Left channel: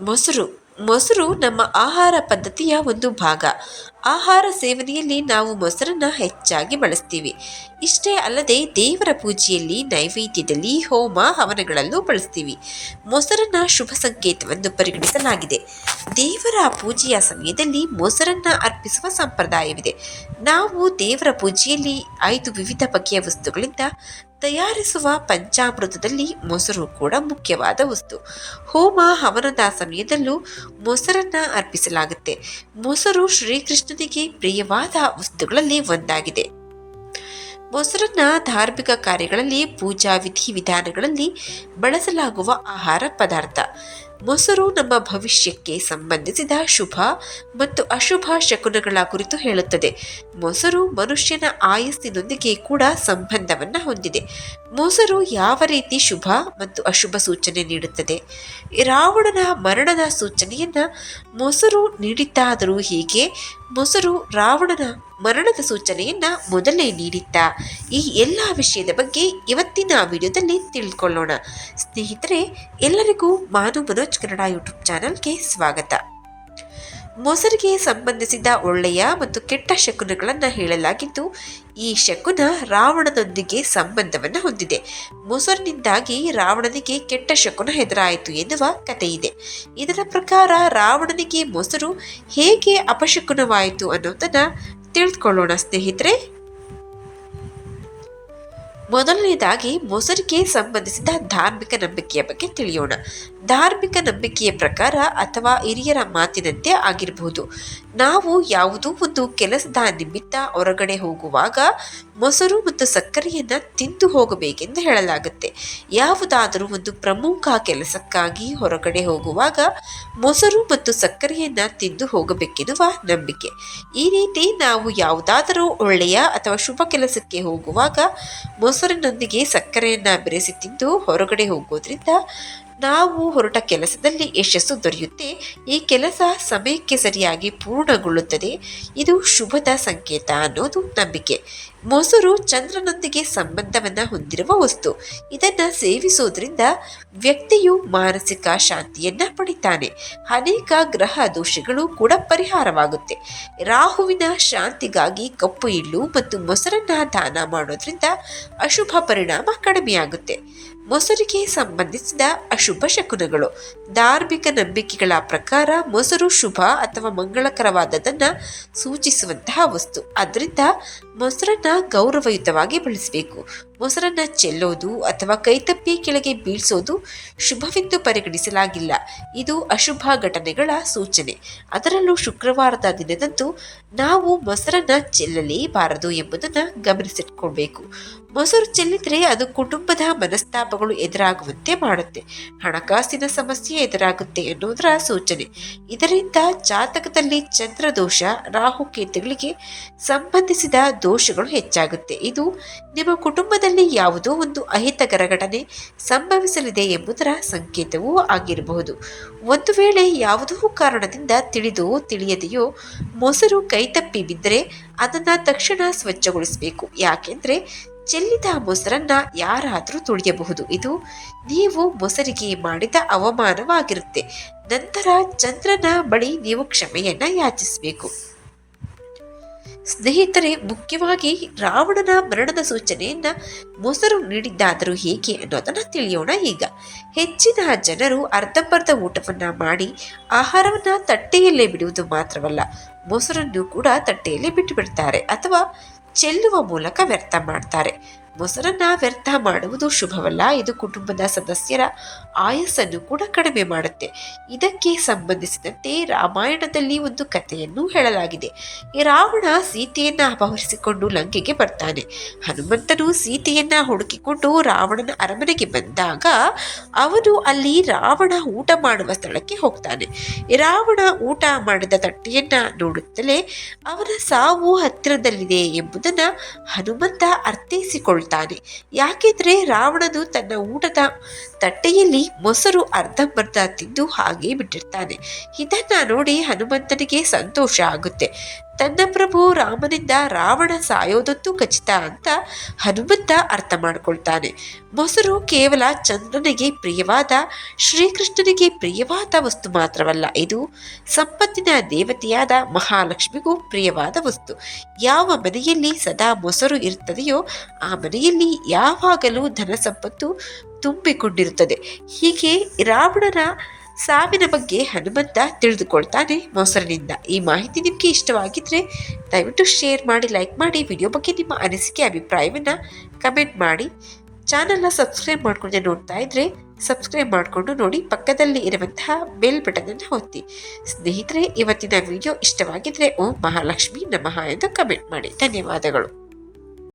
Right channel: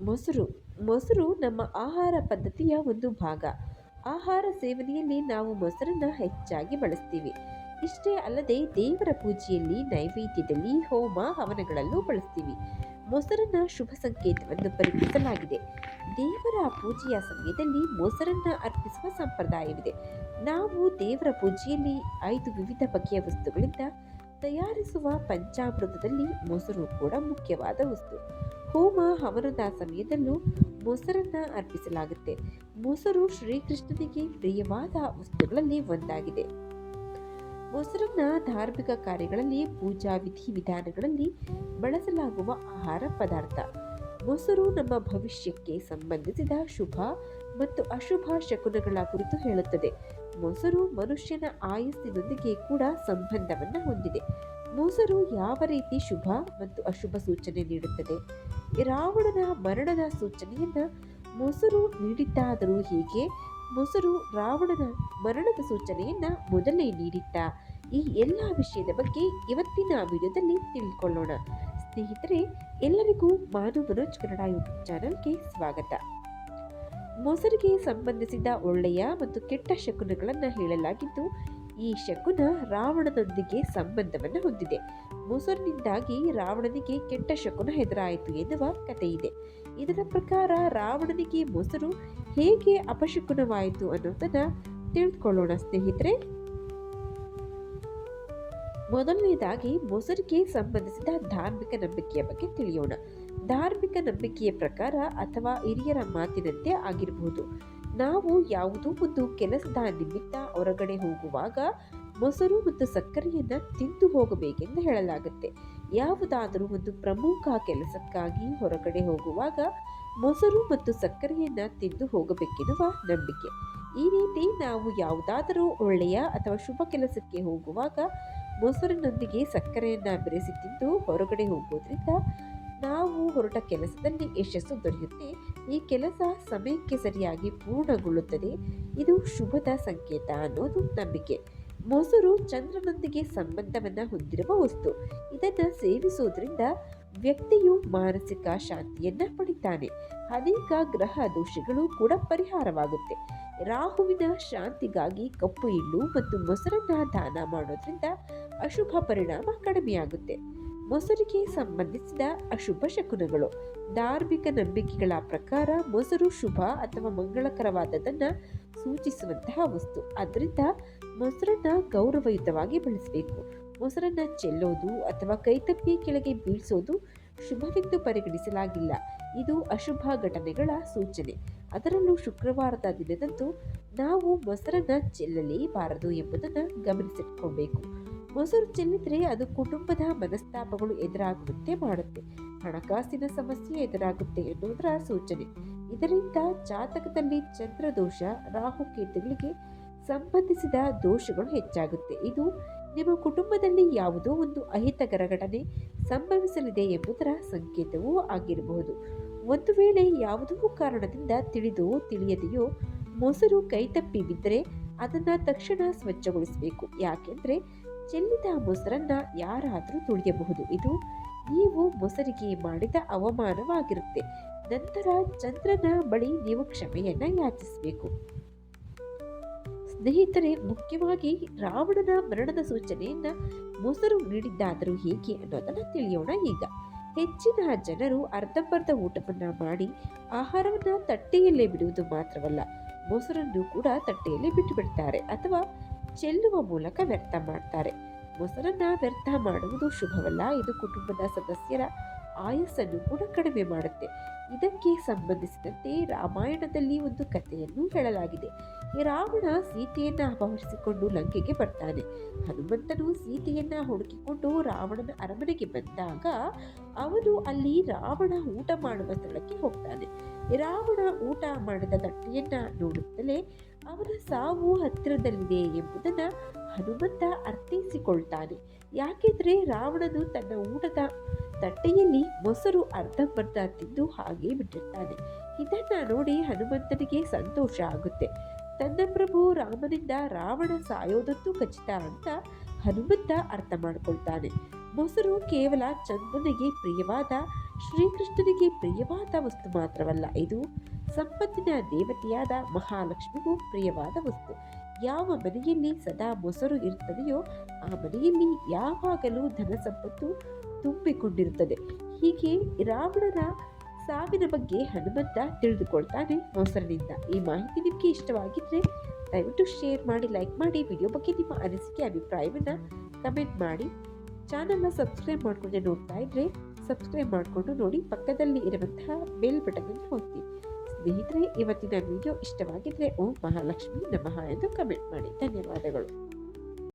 ಮೊಸರು ಮೊಸರು ನಮ್ಮ ಆಹಾರ ಪದ್ಧತಿಯ ಒಂದು ಭಾಗ. ಆಹಾರ ಸೇವನೆಯಲ್ಲಿ ನಾವು ಮೊಸರನ್ನ ಹೆಚ್ಚಾಗಿ ಬಳಸ್ತೀವಿ. ಇಷ್ಟೇ ಅಲ್ಲದೆ ದೇವರ ಪೂಜೆಯಲ್ಲಿ ನೈವೇದ್ಯದಲ್ಲಿ ಹೋಮ ಹವನಗಳಲ್ಲೂ ಬಳಸ್ತೀವಿ. ಮೊಸರನ್ನ ಶುಭ ಸಂಕೇತವೆಂದು ಪರಿಗಣಿಸಲಾಗಿದೆ. ದೇವರ ಪೂಜೆಯ ಸಮಯದಲ್ಲಿ ಮೊಸರನ್ನ ಅರ್ಪಿಸುವ ಸಂಪ್ರದಾಯವಿದೆ. ನಾವು ದೇವರ ಪೂಜೆಯಲ್ಲಿ ಐದು ವಿವಿಧ ಬಗೆಯ ವಸ್ತುಗಳಿಂದ ತಯಾರಿಸುವ ಪಂಚಾಮೃತದಲ್ಲಿ ಮೊಸರು ಕೂಡ ಮುಖ್ಯವಾದ ವಸ್ತು. ಹೋಮ ಹವನದ ಸಮಯದಲ್ಲೂ ಮೊಸರನ್ನ ಅರ್ಪಿಸಲಾಗುತ್ತೆ. ಮೊಸರು ಶ್ರೀಕೃಷ್ಣನಿಗೆ ಪ್ರಿಯವಾದ ವಸ್ತುಗಳಲ್ಲಿ ಒಂದಾಗಿದೆ. ಮೊಸರನ್ನ ಧಾರ್ಮಿಕ ಕಾರ್ಯಗಳಲ್ಲಿ ಪೂಜಾ ವಿಧಿ ವಿಧಾನಗಳಲ್ಲಿ ಬಳಸಲಾಗುವ ಆಹಾರ ಪದಾರ್ಥ. ಮೊಸರು ನಮ್ಮ ಭವಿಷ್ಯಕ್ಕೆ ಸಂಬಂಧಿಸಿದ ಶುಭ ಮತ್ತು ಅಶುಭ ಶಕುನಗಳ ಕುರಿತು ಹೇಳುತ್ತದೆ. ಮೊಸರು ಮನುಷ್ಯನ ಆಯಸ್ಸಿನೊಂದಿಗೆ ಕೂಡ ಸಂಬಂಧವನ್ನ ಹೊಂದಿದೆ. ಮೊಸರು ಯಾವ ರೀತಿ ಶುಭ ಮತ್ತು ಅಶುಭ ಸೂಚನೆ ನೀಡುತ್ತದೆ? ರಾವಣನ ಮರಣದ ಸೂಚನೆಯನ್ನ ಮೊಸರು ನೀಡಿತ್ತಾದರೂ ಹೀಗೆ? ಮೊಸರು ರಾವಣನ ಮರಣದ ಸೂಚನೆಯನ್ನ ಮೊದಲೇ ನೀಡಿದ್ದ ಈ ಎಲ್ಲ ವಿಷಯದ ಬಗ್ಗೆ ಇವತ್ತಿನ ವಿಡಿಯೋದಲ್ಲಿ ತಿಳ್ಕೊಳ್ಳೋಣ. ಸ್ನೇಹಿತರೆ, ಎಲ್ಲರಿಗೂ ಮಾನು ಮನೋಜ್ ಕನ್ನಡ ಯೂಟ್ಯೂಬ್ ಚಾನಲ್ಗೆ ಸ್ವಾಗತ. ಮೊಸರಿಗೆ ಸಂಬಂಧಿಸಿದ ಒಳ್ಳೆಯ ಮತ್ತು ಕೆಟ್ಟ ಶಕುನಗಳನ್ನು ಹೇಳಲಾಗಿದ್ದು, ಈ ಶಕುನ ರಾವಣನೊಂದಿಗೆ ಸಂಬಂಧವನ್ನು ಹೊಂದಿದೆ. ಮೊಸರಿನಿಂದಾಗಿ ರಾವಣನಿಗೆ ಕೆಟ್ಟ ಶಕುನ ಎದುರಾಯಿತು ಎನ್ನುವ ಕಥೆಯಿದೆ. ಇದರ ಪ್ರಕಾರ ರಾವಣನಿಗೆ ಮೊಸರು ಹೇಗೆ ಅಪಶಕುನವಾಯಿತು ಅನ್ನೋದನ್ನು ತಿಳಿದುಕೊಳ್ಳೋಣ ಸ್ನೇಹಿತರೆ. ಮೊದಲನೇದಾಗಿ ಮೊಸರಿಗೆ ಸಂಬಂಧಿಸಿದ ಧಾರ್ಮಿಕ ನಂಬಿಕೆಯ ಬಗ್ಗೆ ತಿಳಿಯೋಣ. ಧಾರ್ಮಿಕ ನಂಬಿಕೆಯ ಪ್ರಕಾರ ಅಥವಾ ಹಿರಿಯರ ಮಾತಿನಂತೆ ಆಗಿರಬಹುದು ನಾವು ಯಾವುದೋ ಒಂದು ಕೆಲಸದ ನಿಮಿತ್ತ ಹೊರಗಡೆ ಹೋಗುವಾಗ ಮೊಸರು ಮತ್ತು ಸಕ್ಕರೆಯನ್ನು ತಿಂದು ಹೋಗಬೇಕೆಂದು ಹೇಳಲಾಗುತ್ತೆ. ಯಾವುದಾದರೂ ಒಂದು ಪ್ರಮುಖ ಕೆಲಸಕ್ಕಾಗಿ ಹೊರಗಡೆ ಹೋಗುವಾಗ ಮೊಸರು ಮತ್ತು ಸಕ್ಕರೆಯನ್ನು ತಿಂದು ಹೋಗಬೇಕೆನ್ನುವ ನಂಬಿಕೆ. ಈ ರೀತಿ ನಾವು ಯಾವುದಾದರೂ ಒಳ್ಳೆಯ ಅಥವಾ ಶುಭ ಕೆಲಸಕ್ಕೆ ಹೋಗುವಾಗ ಮೊಸರಿನೊಂದಿಗೆ ಸಕ್ಕರೆಯನ್ನು ಬೆರೆಸಿ ತಿಂದು ಹೊರಗಡೆ ಹೋಗೋದ್ರಿಂದ ನಾವು ಹೊರಟ ಕೆಲಸದಲ್ಲಿ ಯಶಸ್ಸು ದೊರೆಯುತ್ತೆ. ಈ ಕೆಲಸ ಸಮಯಕ್ಕೆ ಸರಿಯಾಗಿ ಪೂರ್ಣಗೊಳ್ಳುತ್ತದೆ. ಇದು ಶುಭದ ಸಂಕೇತ ಅನ್ನೋದು ನಂಬಿಕೆ. ಮೊಸರು ಚಂದ್ರನೊಂದಿಗೆ ಸಂಬಂಧವನ್ನ ಹೊಂದಿರುವ ವಸ್ತು. ಇದನ್ನು ಸೇವಿಸೋದ್ರಿಂದ ವ್ಯಕ್ತಿಯು ಮಾನಸಿಕ ಶಾಂತಿಯನ್ನ ಪಡಿತಾನೆ. ಅನೇಕ ಗ್ರಹ ದೋಷಗಳು ಕೂಡ ಪರಿಹಾರವಾಗುತ್ತೆ. ರಾಹುವಿನ ಶಾಂತಿಗಾಗಿ ಕಪ್ಪು ಇಳ್ಳು ಮತ್ತು ಮೊಸರನ್ನ ದಾನ ಮಾಡೋದ್ರಿಂದ ಅಶುಭ ಪರಿಣಾಮ ಕಡಿಮೆಯಾಗುತ್ತೆ. ಮೊಸರಿಗೆ ಸಂಬಂಧಿಸಿದ ಅಶುಭ ಶಕುನಗಳು. ಧಾರ್ಮಿಕ ನಂಬಿಕೆಗಳ ಪ್ರಕಾರ ಮೊಸರು ಶುಭ ಅಥವಾ ಮಂಗಳಕರವಾದದನ್ನ ಸೂಚಿಸುವಂತಹ ವಸ್ತು. ಅದರಿಂದ ಮೊಸರನ್ನ ಗೌರವಯುತವಾಗಿ ಬಳಸಬೇಕು. ಮೊಸರನ್ನ ಚೆಲ್ಲೋದು ಅಥವಾ ಕೈತಪ್ಪಿ ಕೆಳಗೆ ಬೀಳಿಸೋದು ಶುಭವೆಂದು ಪರಿಗಣಿಸಲಾಗಿಲ್ಲ. ಇದು ಅಶುಭ ಘಟನೆಗಳ ಸೂಚನೆ. ಅದರಲ್ಲೂ ಶುಕ್ರವಾರದ ದಿನದಂದು ನಾವು ಮೊಸರನ್ನು ಚೆಲ್ಲಲೇಬಾರದು ಎಂಬುದನ್ನು ಗಮನಿಸಿಟ್ಕೊಳ್ಬೇಕು. ಮೊಸರು ಚೆಲ್ಲಿದರೆ ಅದು ಕುಟುಂಬದ ಮನಸ್ತಾಪಗಳು ಎದುರಾಗುವಂತೆ ಮಾಡುತ್ತೆ. ಹಣಕಾಸಿನ ಸಮಸ್ಯೆ ಎದುರಾಗುತ್ತೆ ಎನ್ನುವುದರ ಸೂಚನೆ. ಇದರಿಂದ ಜಾತಕದಲ್ಲಿ ಚಂದ್ರದೋಷ, ರಾಹುಕೇತುಗಳಿಗೆ ಸಂಬಂಧಿಸಿದ ದೋಷಗಳು ಹೆಚ್ಚಾಗುತ್ತೆ. ಇದು ನಿಮ್ಮ ಕುಟುಂಬದಲ್ಲಿ ಯಾವುದೋ ಒಂದು ಅಹಿತಕರ ಘಟನೆ ಸಂಭವಿಸಲಿದೆ ಎಂಬುದರ ಸಂಕೇತವೂ ಆಗಿರಬಹುದು. ಒಂದು ವೇಳೆ ಯಾವುದೋ ಕಾರಣದಿಂದ ತಿಳಿದೋ ತಿಳಿಯದೆಯೋ ಮೊಸರು ಕೈತಪ್ಪಿ ಬಿದ್ದರೆ ಅದನ್ನು ತಕ್ಷಣ ಸ್ವಚ್ಛಗೊಳಿಸಬೇಕು. ಯಾಕೆಂದರೆ ಚೆಲ್ಲಿದ ಮೊಸರನ್ನ ಯಾರಾದರೂ ತುಳಿಯಬಹುದು. ಇದು ನೀವು ಮೊಸರಿಗೆ ಮಾಡಿದ ಅವಮಾನವಾಗಿರುತ್ತೆ. ನಂತರ ಚಂದ್ರನ ಬಳಿ ನೀವು ಕ್ಷಮೆಯನ್ನು ಯಾಚಿಸಬೇಕು. ಸ್ನೇಹಿತರೆ, ಮುಖ್ಯವಾಗಿ ರಾವಣನ ಮರಣದ ಸೂಚನೆಯನ್ನ ಮೊಸರು ನೀಡಿದ್ದಾದರೂ ಹೇಗೆ ಅನ್ನೋದನ್ನ ತಿಳಿಯೋಣ ಈಗ. ಹೆಚ್ಚಿನ ಜನರು ಅರ್ಧಂಬರ್ಧ ಊಟವನ್ನ ಮಾಡಿ ಆಹಾರವನ್ನ ತಟ್ಟೆಯಲ್ಲೇ ಬಿಡುವುದು ಮಾತ್ರವಲ್ಲ, ಮೊಸರನ್ನು ಕೂಡ ತಟ್ಟೆಯಲ್ಲಿ ಬಿಟ್ಟು ಬಿಡ್ತಾರೆ ಅಥವಾ ಚೆಲ್ಲುವ ಮೂಲಕ ವ್ಯರ್ಥ ಮಾಡ್ತಾರೆ. ಮೊಸರನ್ನ ವ್ಯರ್ಥ ಮಾಡುವುದು ಶುಭವಲ್ಲ. ಇದು ಕುಟುಂಬದ ಸದಸ್ಯರ ಆಯಸ್ಸನ್ನು ಕೂಡ ಕಡಿಮೆ ಮಾಡುತ್ತೆ. ಇದಕ್ಕೆ ಸಂಬಂಧಿಸಿದಂತೆ ರಾಮಾಯಣದಲ್ಲಿ ಒಂದು ಕಥೆಯನ್ನು ಹೇಳಲಾಗಿದೆ. ರಾವಣ ಸೀತೆಯನ್ನ ಅಪಹರಿಸಿಕೊಂಡು ಲಂಕೆಗೆ ಬರ್ತಾನೆ. ಹನುಮಂತನು ಸೀತೆಯನ್ನ ಹುಡುಕಿಕೊಂಡು ರಾವಣನ ಅರಮನೆಗೆ ಬಂದಾಗ ಅವನು ಅಲ್ಲಿ ರಾವಣ ಊಟ ಮಾಡುವ ಸ್ಥಳಕ್ಕೆ ಹೋಗ್ತಾನೆ. ರಾವಣ ಊಟ ಮಾಡಿದ ತಟ್ಟೆಯನ್ನ ನೋಡುತ್ತಲೇ ಅವನ ಸಾವು ಹತ್ತಿರದಲ್ಲಿದೆ ಎಂಬುದನ್ನ ಹನುಮಂತ ಅರ್ಥೈಸಿಕೊಳ್ತಾನೆ. ಯಾಕೆಂದ್ರೆ ರಾವಣನು ತನ್ನ ಊಟದ ತಟ್ಟೆಯಲ್ಲಿ ಮೊಸರು ಅರ್ಧಂಬರ್ಧ ತಿಂದು ಹಾಗೆ ಬಿಟ್ಟಿರ್ತಾನೆ. ಇದನ್ನು ನೋಡಿ ಹನುಮಂತನಿಗೆ ಸಂತೋಷ ಆಗುತ್ತೆ. ತನ್ನ ಪ್ರಭು ರಾಮನಿಂದ ರಾವಣ ಸಾಯೋದಂತೂ ಖಚಿತ ಅಂತ ಹನುಮಂತ ಅರ್ಥ ಮಾಡಿಕೊಳ್ತಾನೆ. ಮೊಸರು ಕೇವಲ ಚಂದ್ರನಿಗೆ ಪ್ರಿಯವಾದ, ಶ್ರೀಕೃಷ್ಣನಿಗೆ ಪ್ರಿಯವಾದ ವಸ್ತು ಮಾತ್ರವಲ್ಲ, ಇದು ಸಂಪತ್ತಿನ ದೇವತೆಯಾದ ಮಹಾಲಕ್ಷ್ಮಿಗೂ ಪ್ರಿಯವಾದ ವಸ್ತು. ಯಾವ ಮನೆಯಲ್ಲಿ ಸದಾ ಮೊಸರು ಇರುತ್ತದೆಯೋ, ಆ ಮನೆಯಲ್ಲಿ ಯಾವಾಗಲೂ ಧನ ಸಂಪತ್ತು ತುಂಬಿಕೊಂಡಿರುತ್ತದೆ. ಹೀಗೆ ರಾವಣನ ಸಾವಿನ ಬಗ್ಗೆ ಹನುಮಂತ ತಿಳಿದುಕೊಳ್ತಾನೆ ಮೊಸರಿನಿಂದ. ಈ ಮಾಹಿತಿ ನಿಮಗೆ ಇಷ್ಟವಾಗಿದ್ದರೆ ದಯವಿಟ್ಟು ಶೇರ್ ಮಾಡಿ ಲೈಕ್ ಮಾಡಿ ವಿಡಿಯೋ ಬಗ್ಗೆ ನಿಮ್ಮ ಅನಿಸಿಕೆ, ಅಭಿಪ್ರಾಯವನ್ನು ಕಮೆಂಟ್ ಮಾಡಿ. ಚಾನಲ್ನ ಸಬ್ಸ್ಕ್ರೈಬ್ ಮಾಡ್ಕೊಂಡೆ ನೋಡ್ತಾ ಇದ್ದರೆ ಸಬ್ಸ್ಕ್ರೈಬ್ ಮಾಡಿಕೊಂಡು ನೋಡಿ, ಪಕ್ಕದಲ್ಲಿ ಇರುವಂತಹ ಬೆಲ್ ಬಟನನ್ನು ಒತ್ತಿ. ಸ್ನೇಹಿತರೆ, ಇವತ್ತಿನ ವಿಡಿಯೋ ಇಷ್ಟವಾಗಿದ್ದರೆ ಓಂ ಮಹಾಲಕ್ಷ್ಮಿ ನಮಃ ಎಂದು ಕಮೆಂಟ್ ಮಾಡಿ. ಧನ್ಯವಾದಗಳು.